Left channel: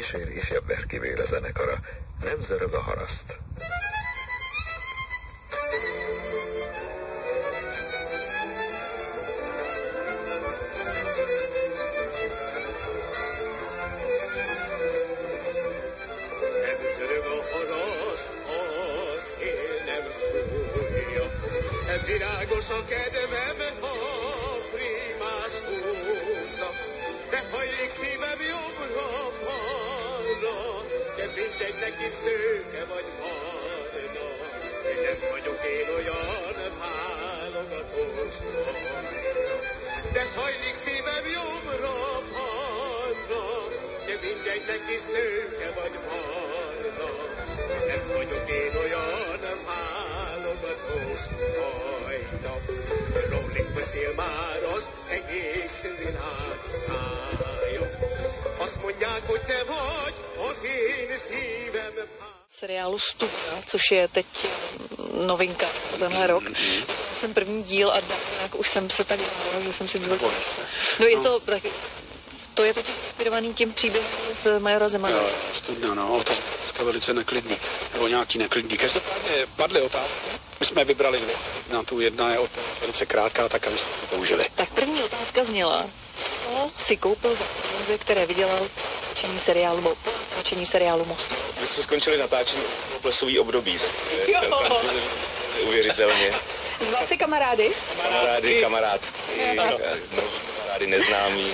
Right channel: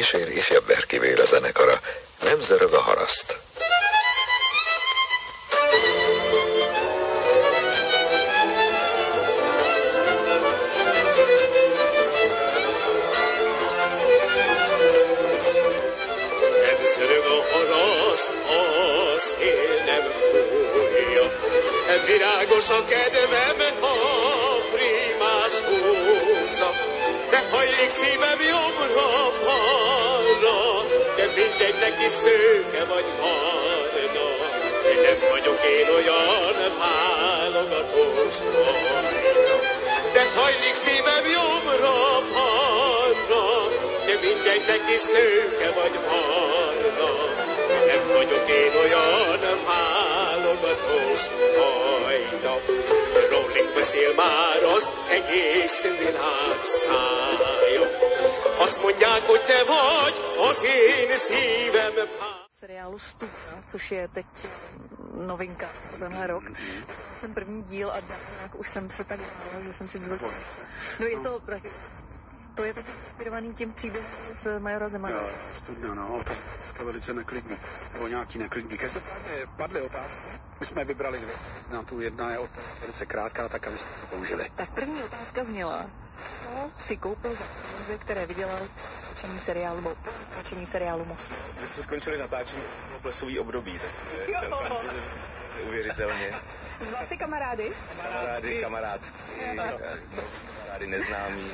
Későn ifjabb Berki Béla zenekara, Nem zörög a haraszt. Nem zörög a haraszt, a szél nem fújja, virágos a kedvem, ha primás húzza, de hajlik szívem jobbra-balra, de mindegy, neki szőke vagy barna. Nem vagyok én olyan válogatós fajta, de hajlik szívem jobbra-balra, de mindegy, neki szőke vagy barna. Nem vagyok én olyan válogatós fajta. Rólink beszél már az egész világ szája. Azt mondják, hogy te vagy az én szívem. Seriálu Studna, což je teď novinka pro tenhle rok. Jsem první díl a nějak už jsem se tak bála, že jsem si vzal. No je to tak, to je totiž inspirovaný tím příběhem z Majora Zemana. Studna, no, to je velice neklidný, nebo nějaký neklidný. Každopádně padly otázky. My jsme vybrali dvě. Na tu jedna je velice krátká, tak aby jsme to použili. Tak první otázka zněla, kdo si koupil za peníze, které vydělal natáčení seriálu Most. My jsme skončili natáčení plesový období. Neuvěřitelně. Zval si kamarády? Kamarády neznámí.